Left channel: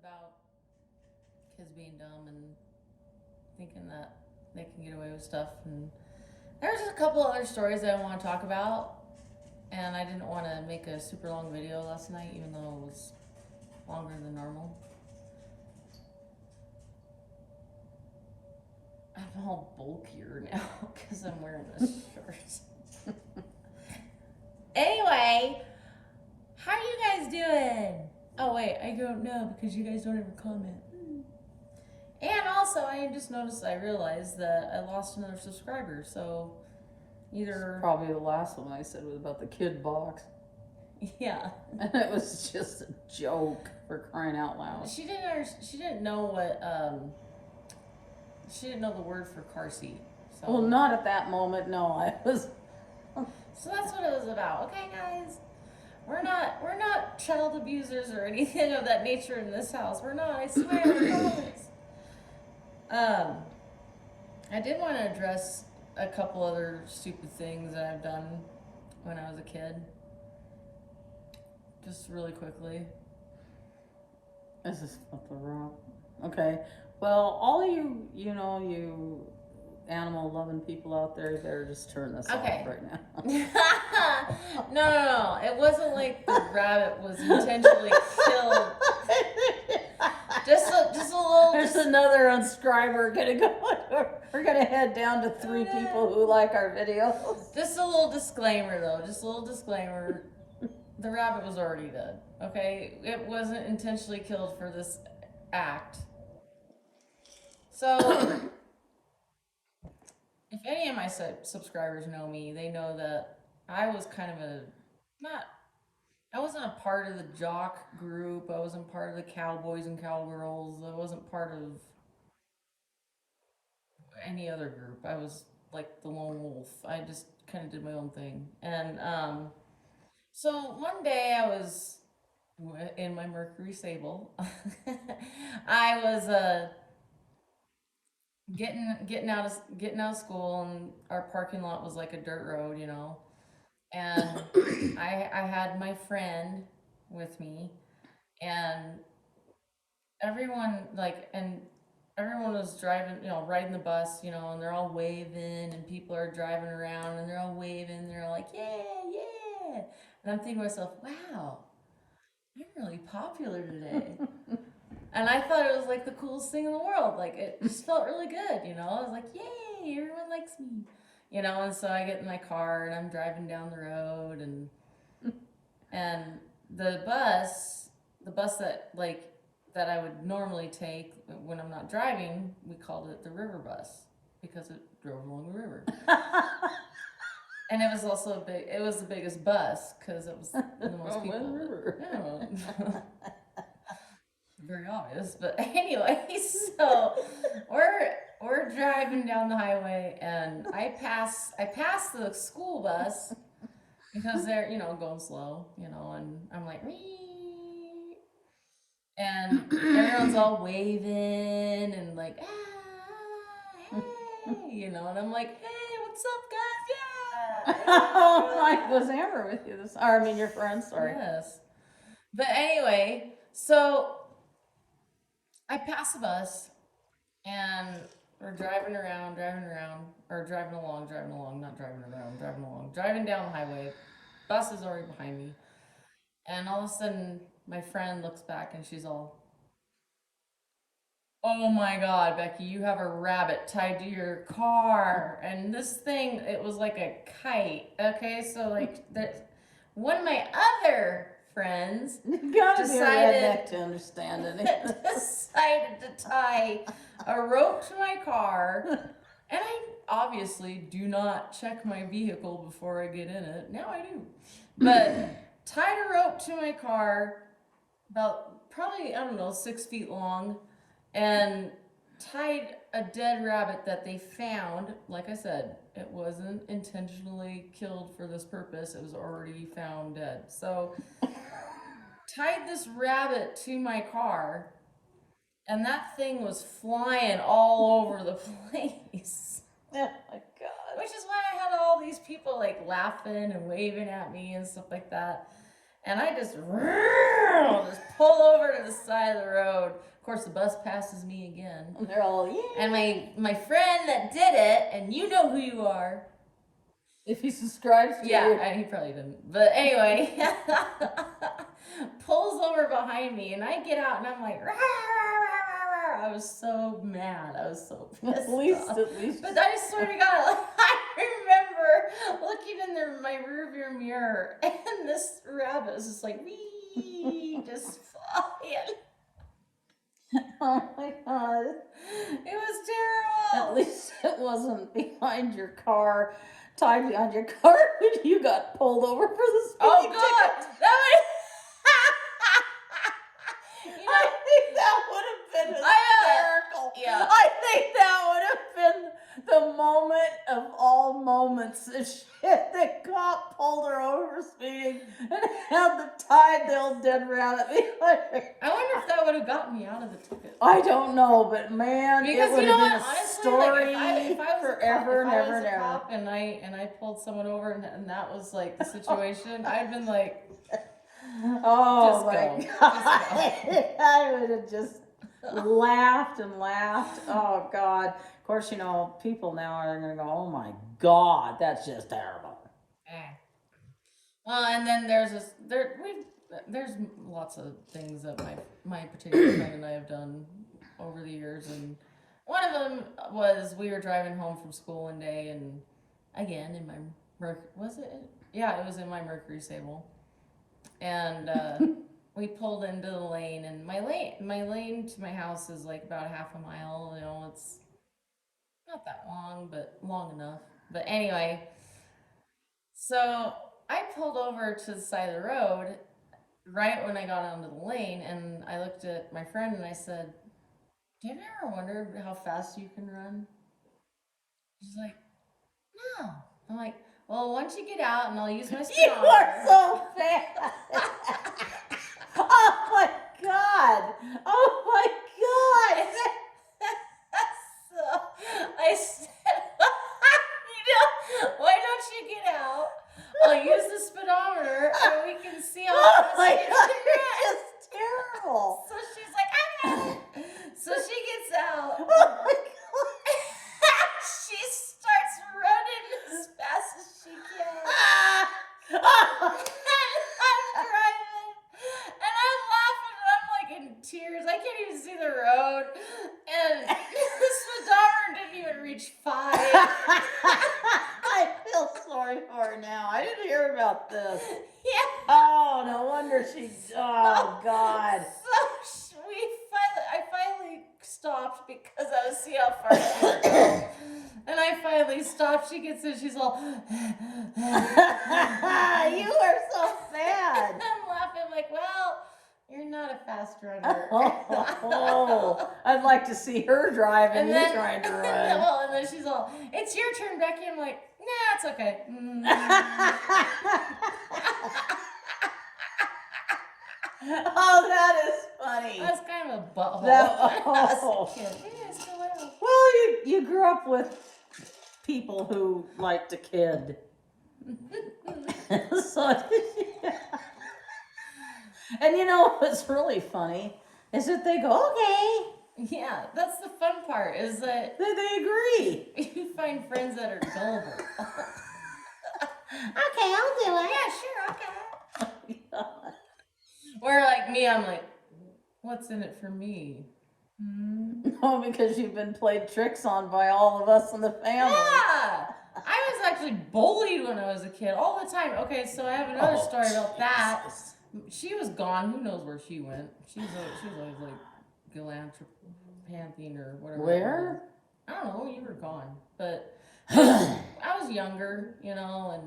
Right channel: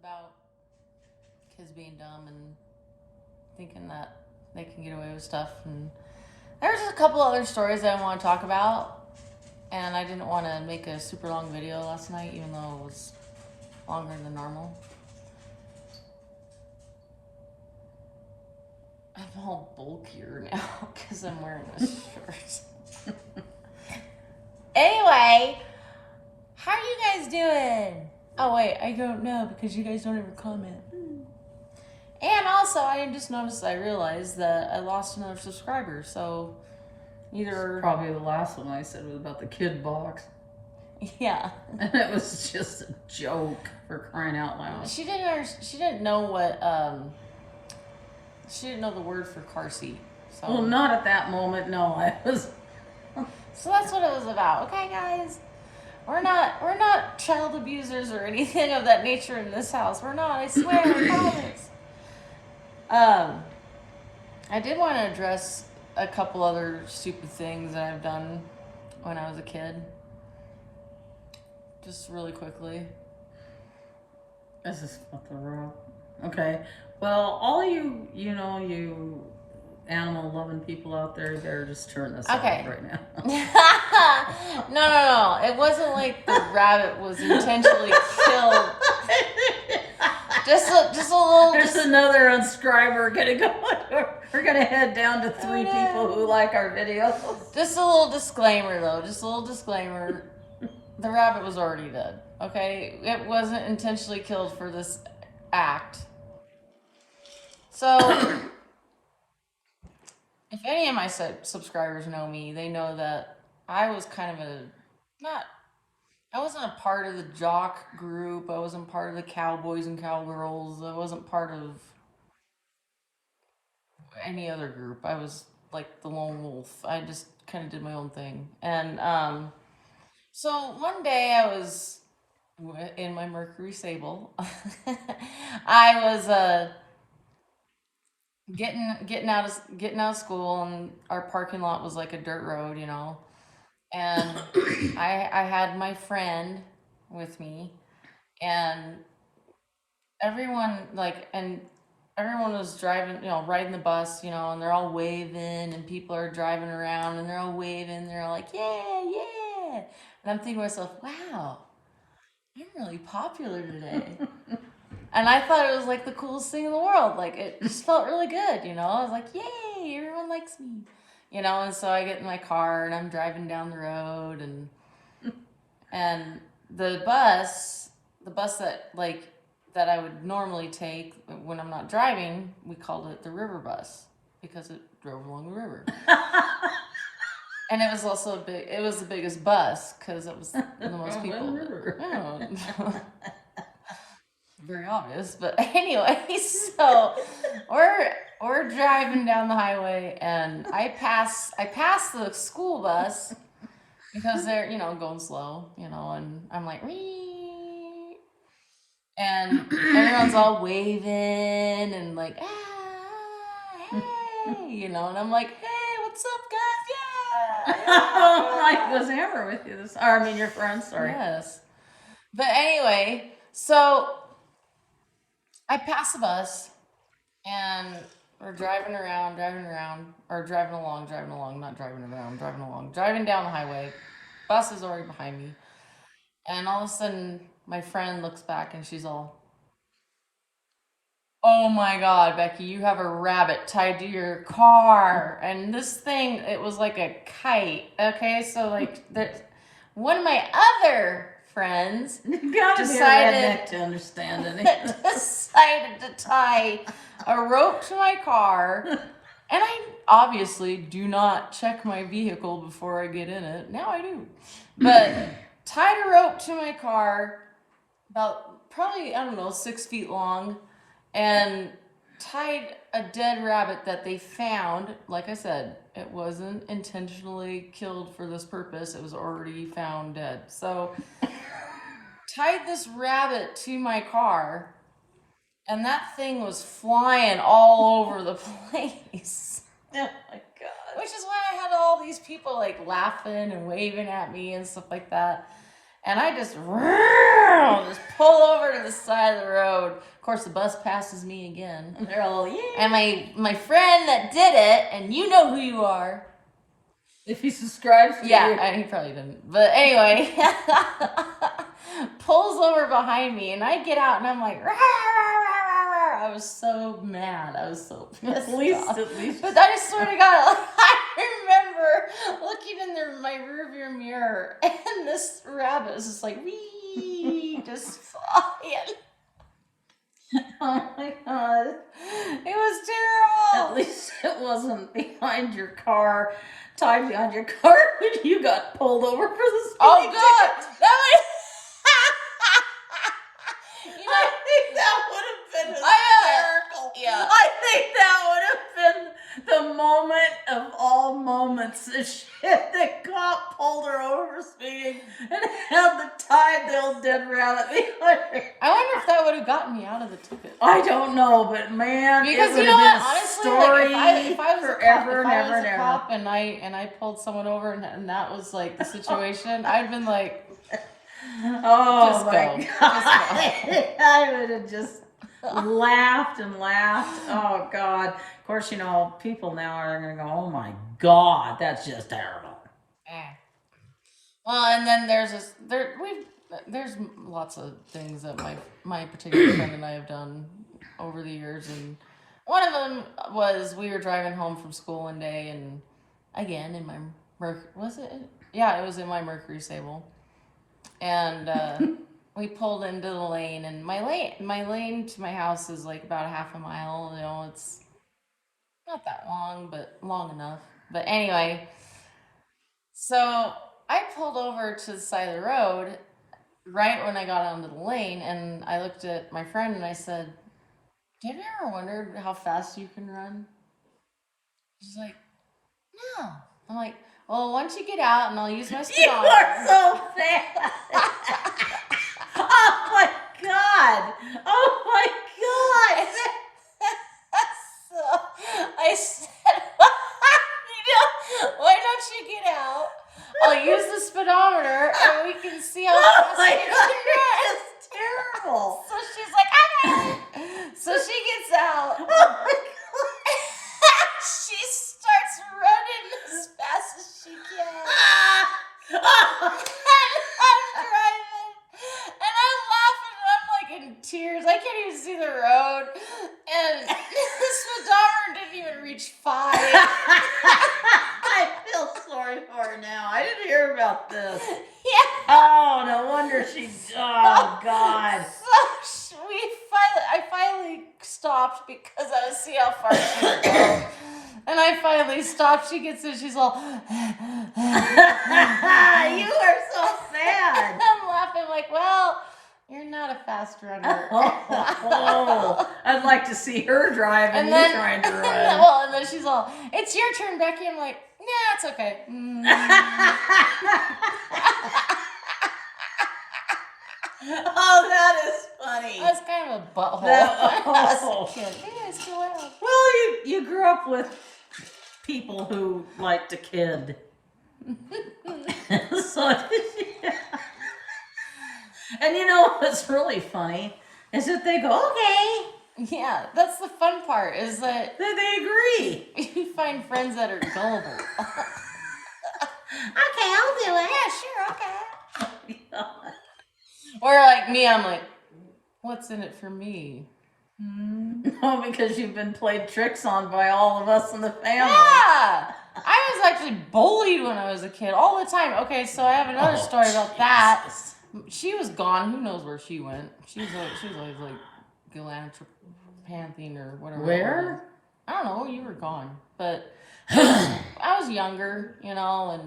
about kids being dumb and thinking that they can get away with stuff. And there's just a couple other stories that I want to talk about. And I didn't want to make a super long video last night, even though it was longer than normal. I'm all bulkier now because I'm wearing this shirt. Anyway, how are you guys doing? Oh wait, I don't know because you guys don't ever comment. And also, I just noticed, I realized that I lost another subscriber. So either Probably the last one I said was about the kid box. Yeah. And it was just a joke, for crying out loud. She didn't know what she didn't know the word for car seat. So. Well, not at that moment. No, I was. So that's what it was about. Okay, guys. We're not child abusers or anything of that nature in this house. We're not. I swear. I promise. I did want to address a couple other stupid things that I've done when I was a kid. Just really quickly. This is what the rock. Okay. Well, all you animal loving people out there, better just turn this off right now. No. It wasn't like the rabbit was intentionally killed. Just a little. There's another unscriber gonna go. We're gonna head down to 3 people who like our videos. Just a little disclaimer, though. Just a little disclaimer. The rabbit was already dead. Okay, it wasn't intentionally killed for this act. So, if any of my subscribers know me, they know that I was kind of I wasn't a part of the jock group. I wasn't part of the cowboys and cowgirls. I wasn't part of any other group. I was like the lone wolf. I just kind of did my own thing. And so one day I was in my Mercury Sable. I was getting out of school, and our parking lot was like a dirt road, you know. And I had my friend with me, and everyone was driving, you know, riding the bus, you know, and they're all waving, and people are driving around, and they're all waving, they're all like, yeah. And I'm thinking to myself, wow, I'm really popular today. And I thought it was like the coolest thing in the world. Like, it just felt really good, you know. I was like, yay, everyone likes me. You know, and so I get in my car and I'm driving down the road, and the bus that I would normally take when I'm not driving, we called it the river bus because it drove along the river. And it was also it was the biggest bus because it was the most people. Very obvious, but anyway, so we're driving down the highway, and I pass the school bus because they're, you know, going slow, you know, and I'm like, wee, and everyone's all waving and like, hey, you know, and I'm like, hey, what's up, guys? Yeah. Oh, was Amber with you your friend, sorry. Yes, but anyway, so I pass the bus, and we're driving along, driving down the highway. Bus is already behind me. And all of a sudden, my friend looks back, and she's all, oh my God, Becky, you have a rabbit tied to your car. And this thing, it was like a kite. Okay, so like, one of my other friends decided to understand it. decided to tie a rope to my car, and I obviously do not check my vehicle before I get in it. Now I do, but tied a rope to my car about probably, I don't know, 6 feet long, and tied a dead rabbit that they found. Like I said, it wasn't intentionally killed for this purpose. It was already found dead. So tied this rabbit to my car, and that thing was flying all over the place. Oh my God. Which is why I had all these people like laughing and waving at me and stuff like that. and I just pull over to the side of the road. Of course, the bus passes me again. And they're all, yeah. And my friend that did it, and you know who you are. If he subscribes to you. Yeah, he probably didn't. But anyway, pulls over behind me, and I get out, and I'm like, rah, rah, rah, rah, rah. I was so mad. I was so pissed At least, off. at least. But I swear to God, like, I remember looking in my rearview mirror, and this rabbit is just like, wee, just flying. Oh my God. It was terrible. At least it wasn't behind your car, tied behind your car when you got pulled over for the speeding. Oh God, that was. You know, I think that would have been hysterical. yeah. I think that would have been the moment of all moments. The shit that cop pulled her over speeding and had the tied the old dead rabbit behind her. I wonder if that would have gotten me out of the ticket. I don't know, but man, Because it you would know have what? been a Honestly, story like if I was forever a cop, if and I ever was and a ever. cop and I pulled someone over and that was like the situation, I'd been like, Oh Just my go. God. Just I would have just laughed and laughed. Oh God. Of course, you know, people now are going to go, oh my God, that's just terrible. eh. Well, and then there's lots of things that my particular friend and I have done over the years, and one of them was we were driving home from school one day, and again in my was it? Yeah, it was in my Mercury Sable, and we pulled into the lane, and my lane to my house is like about a half a mile. You know, it's not that long, but long enough. But anyway, so I pulled over to the side of the road right when I got onto the lane, and I looked at my friend and I said, "Have you ever wondered how fast you can run?" She's like, "No." I'm like, "Well, once you get out, and I'll use my You speedometer." are so bad. Oh my God. Oh my God. So I said, why don't you get out? I'll use the speedometer, and we can see how Oh fast my you God. can run. It's terrible. So she's like, okay. So she gets out. Oh my God. She starts running as fast as she can. And I'm driving. And I'm laughing. And I'm like in tears. I can't even see the road. And the speedometer didn't even reach 5. I feel sorry for her now. I didn't hear about this. Yeah. Oh, no wonder she. Oh God. So I finally stopped because I was seeing how far she could go. And I finally stopped. She gets in. She's all. You are so sad. I'm laughing like, well, you're not a fast runner. Oh, I'd like to see her drive and you trying to run. And then she's all, it's your turn, Becky. I'm like, nah, it's okay. Oh, that is funny. I was kind of a butthole No. when I was a kid. Yeah, I still am. Well, you grew up with people who like to kid. So, and you know what's really funny is that they go, okay. Yeah, that's the fun part, is that They agree. you find friends that are gullible. Okay, I'll do it. Yeah, sure, okay. Or like me, I'm like, what's in it for me? No, because you've been played tricks on by all of us in the family. Yeah! I was actually bullied when I was a kid all the time. Okay, so I have another story about that. Jesus. She was gone. Who knows where she went? She was always like Galanthropantine or whatever. Where? I don't know. You were gone, but I was younger, you know,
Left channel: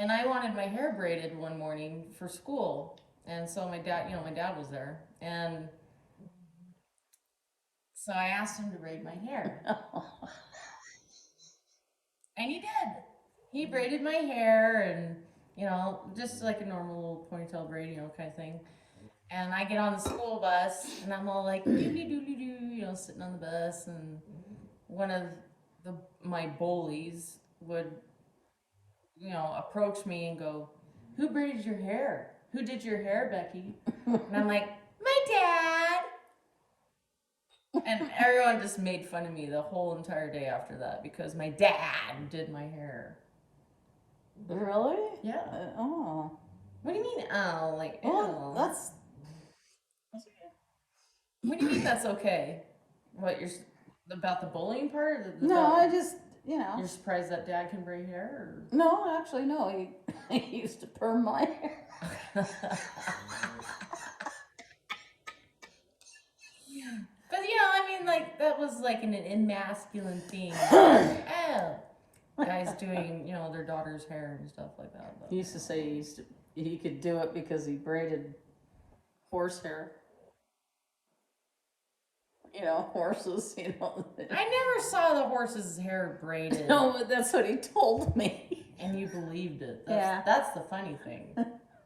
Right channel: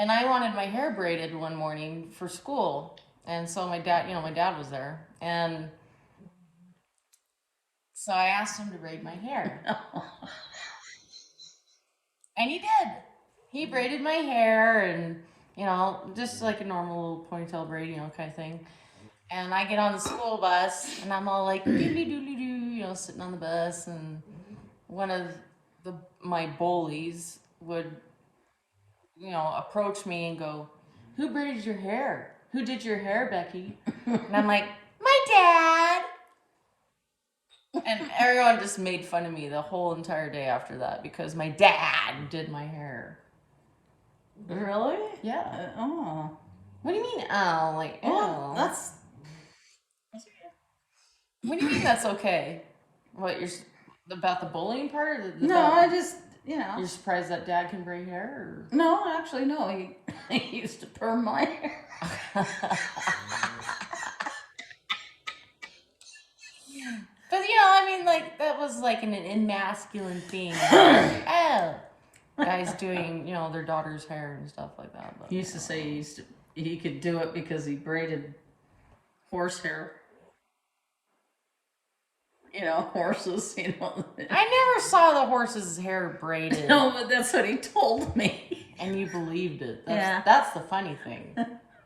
and I wanted my hair braided one morning for school, and so my dad was there, and so I asked him to braid my hair, and he did. He braided my hair, and you know, just like a normal ponytail braid, you know, kind of thing. And I get on the school bus, and I'm all like, doo-doo-doo-doo-doo, you know, sitting on the bus, and one of my bullies would, you know, approach me and go, "Who braided your hair?" who did your hair, Becky? And I'm like, my dad. And everyone just made fun of me the whole entire day after that because my dad did my hair. Really? Yeah. Oh. What do you mean, oh? Like, Well, ew. that's. What do you mean that's okay? What, you're about the bullying part? No, I just, You're surprised that dad can braid hair? No, actually, no. He used to perm my hair. Or? But I mean, like, that was like an emasculine thing. Oh, guys doing, their daughter's hair and stuff like that. But, He used to say he could do it because he braided horsehair. Horses. I never saw the horse's hair braided. No, but that's what he told me. And you believed it. Yeah. That's the funny thing.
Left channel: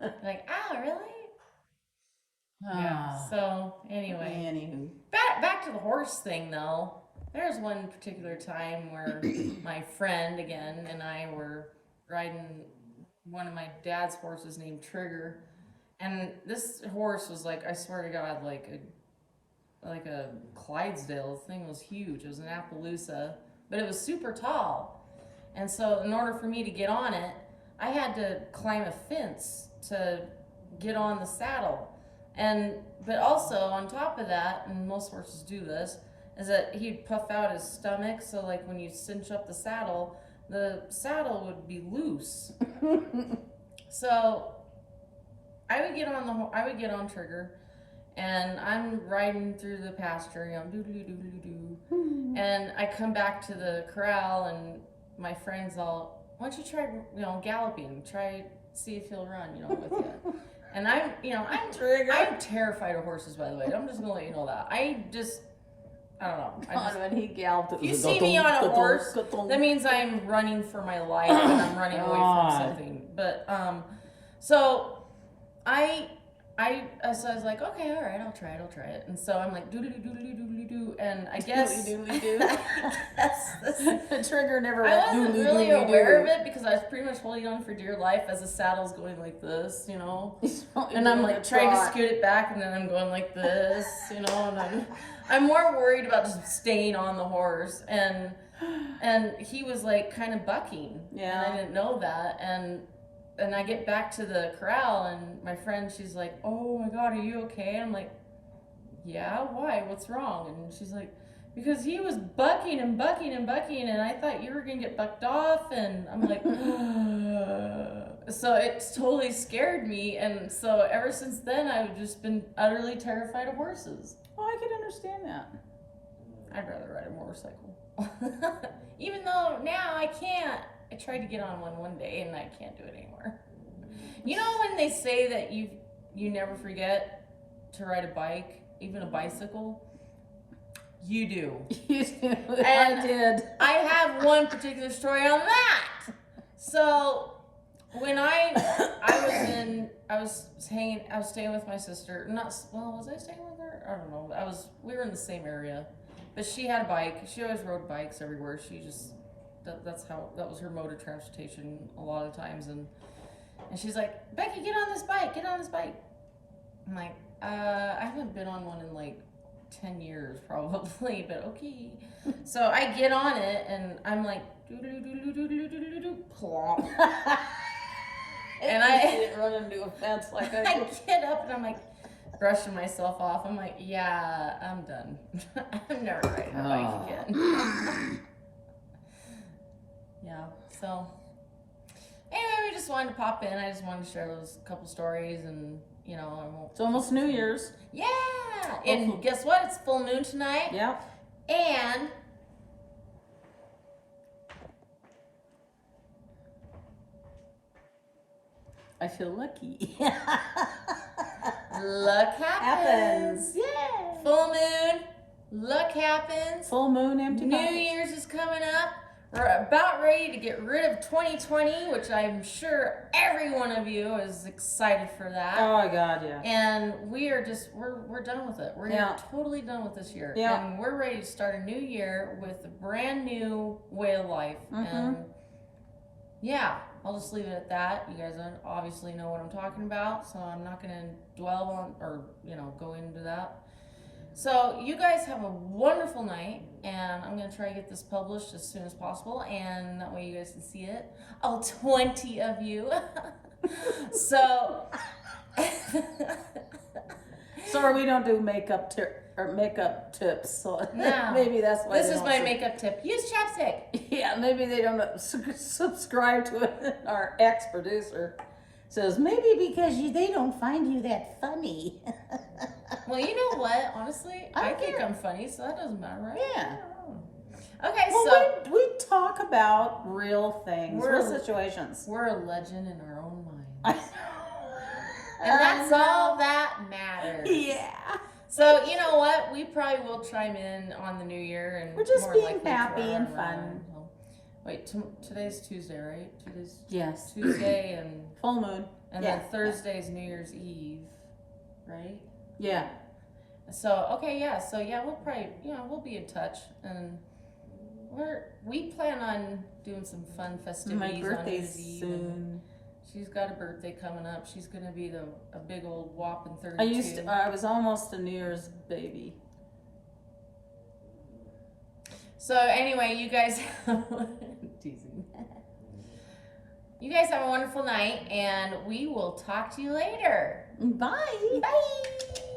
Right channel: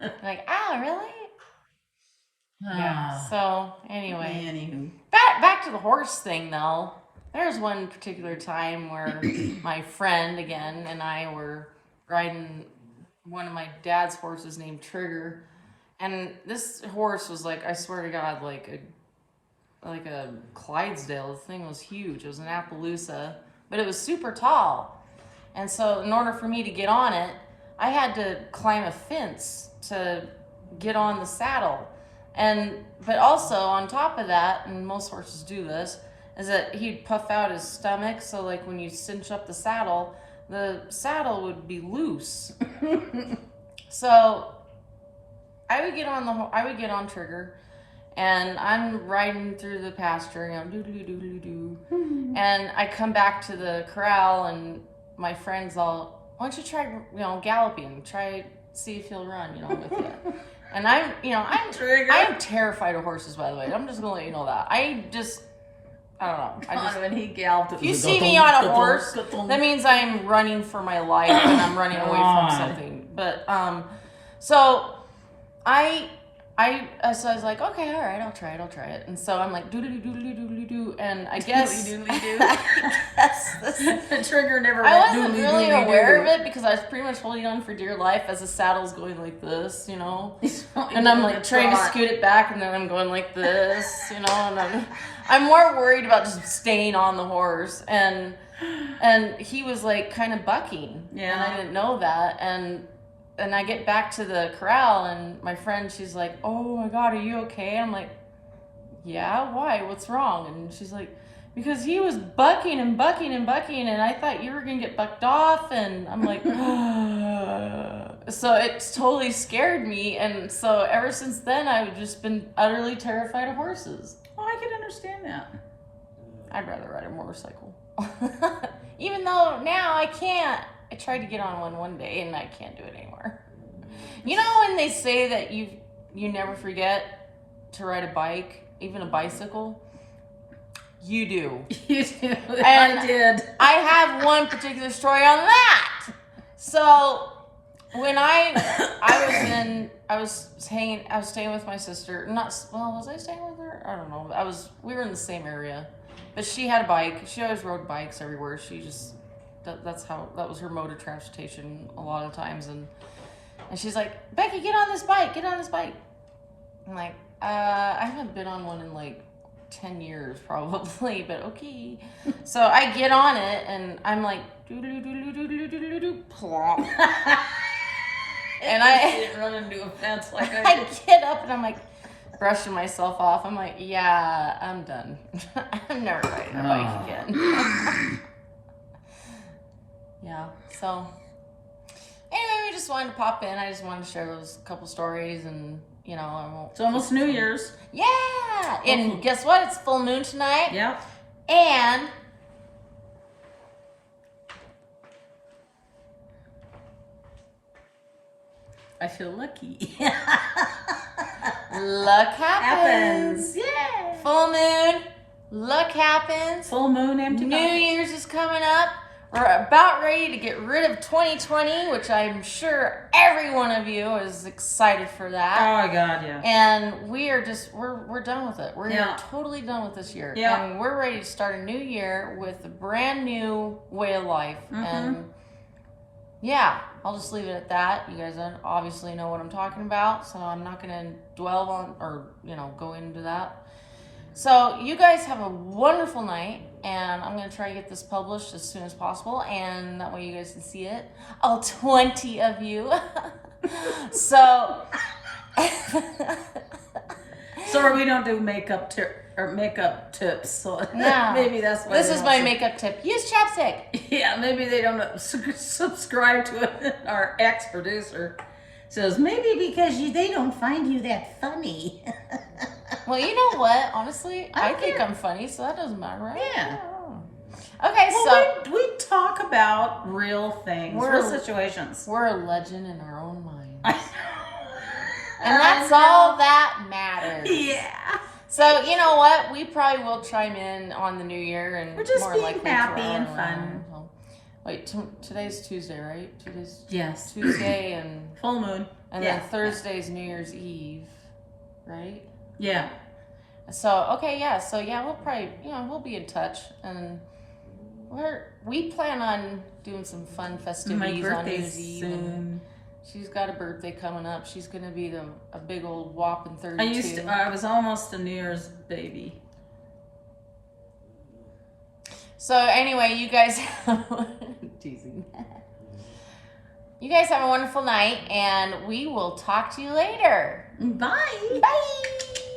Like, oh, really? Yeah. So anyway, Anywho. back to the horse thing though. There's one particular time where my friend again and I were riding one of my dad's horses named Trigger, and this horse was like, I swear to God, like a Clydesdale. The thing was huge. It was an Appaloosa, but it was super tall. And so in order for me to get on it, I had to climb a fence to get on the saddle. But also on top of that, and most horses do this, is that he'd puff out his stomach, so like when you cinch up the saddle would be loose. So I would get on Trigger, and I'm riding through the pasture, doo-doo-doo-doo-doo. And I come back to the corral, and my friend's all, why don't you try, galloping, see if he'll run, with you. And I'm terrified of horses, by the way. I'm just gonna let you know that. I don't know. When he galloped, If you see me on a horse, that means I'm running for my life and I'm running away from something. But so so I was like, okay, all right, I'll try it. And so I'm like, doo-doo-doo-doo-doo-doo-doo, and I guess the Trigger never I went wasn't really aware of it because I was pretty much holding on for dear life as the saddle's going like this, and I'm like trying to scoot it back, and then I'm going like this, and I'm more worried about just staying on the horse, and he was like kind of bucking, and I didn't know that, and I get back to the corral, and my friend, she's like, oh my God, are you okay? And I'm like, yeah, why? What's wrong? And she's like, because he was bucking and bucking and bucking, and I thought you were going to get bucked off. And I'm like, so it totally scared me. And so ever since then, I've just been utterly terrified of horses. Well, I can understand that. I'd rather ride a motorcycle. Even though now I can't. I tried to get on one day, and I can't do it anymore. When they say that you never forget to ride a bike, even a bicycle? You do. You do. And I did. I have one particular story on that. So when I was staying with my sister. Was I staying with her? I don't know. We were in the same area, but she had a bike. She always rode bikes everywhere. That was her mode of transportation a lot of times, and she's like, Becky, get on this bike. I'm like, I haven't been on one in like 10 years probably, but okay. So I get on it, and I'm like, plop. And I didn't run into a fence like I get up, and I'm like brushing myself off. I'm like, yeah, I'm done. I'm never riding a bike again. Yeah, so anyway, we just wanted to pop in. I just wanted to share those couple stories, and It's almost New Year's. Yeah, and guess what? It's full moon tonight. Yep. And I feel lucky. luck happens. Yeah. Full moon, luck happens. Full moon, empty New box. Year's is coming up. We're about ready to get rid of 2020, which I'm sure every one of you is excited for that. Oh my God, yeah. And we're done with it. We're Yeah. totally done with this year. Yeah. And we're ready to start a new year with a brand new way of life. Mhm. And yeah, I'll just leave it at that. You guys obviously know what I'm talking about, so I'm not gonna dwell on or go into that. So you guys have a wonderful night, and I'm gonna try to get this published as soon as possible, and that way you guys can see it. All 20 of you. So. Sorry, we don't do makeup tips, so No. maybe that's why. This they is don't my sub- makeup tip. Use chapstick. Yeah, maybe they don't subscribe to it. Our ex-producer says maybe because they don't find you that funny. Well, you know what? Honestly, I don't think care. I'm funny, so that doesn't matter, right? Yeah. Okay, Well, so we talk about real things, We're- real situations. we're a legend in our own mind. And And that's all that matters. Yeah. So, you know what? We probably will chime in on the new year and We're just more being likely happy throw and it fun. around. So- Wait, today's Tuesday, right? Today's Yes. Tuesday and Full moon. then Yeah. Thursday's New Year's Eve, right? Yeah. So okay, yeah. So yeah, we'll probably we'll be in touch, and we plan on doing some fun My festivities on New birthday's Year's Eve. And soon. she's got a birthday coming up. She's gonna be a big old whopping 32. I was almost a New Year's baby. So anyway, you guys teasing. You guys have a wonderful night, and we will talk to you later. Bye. Bye.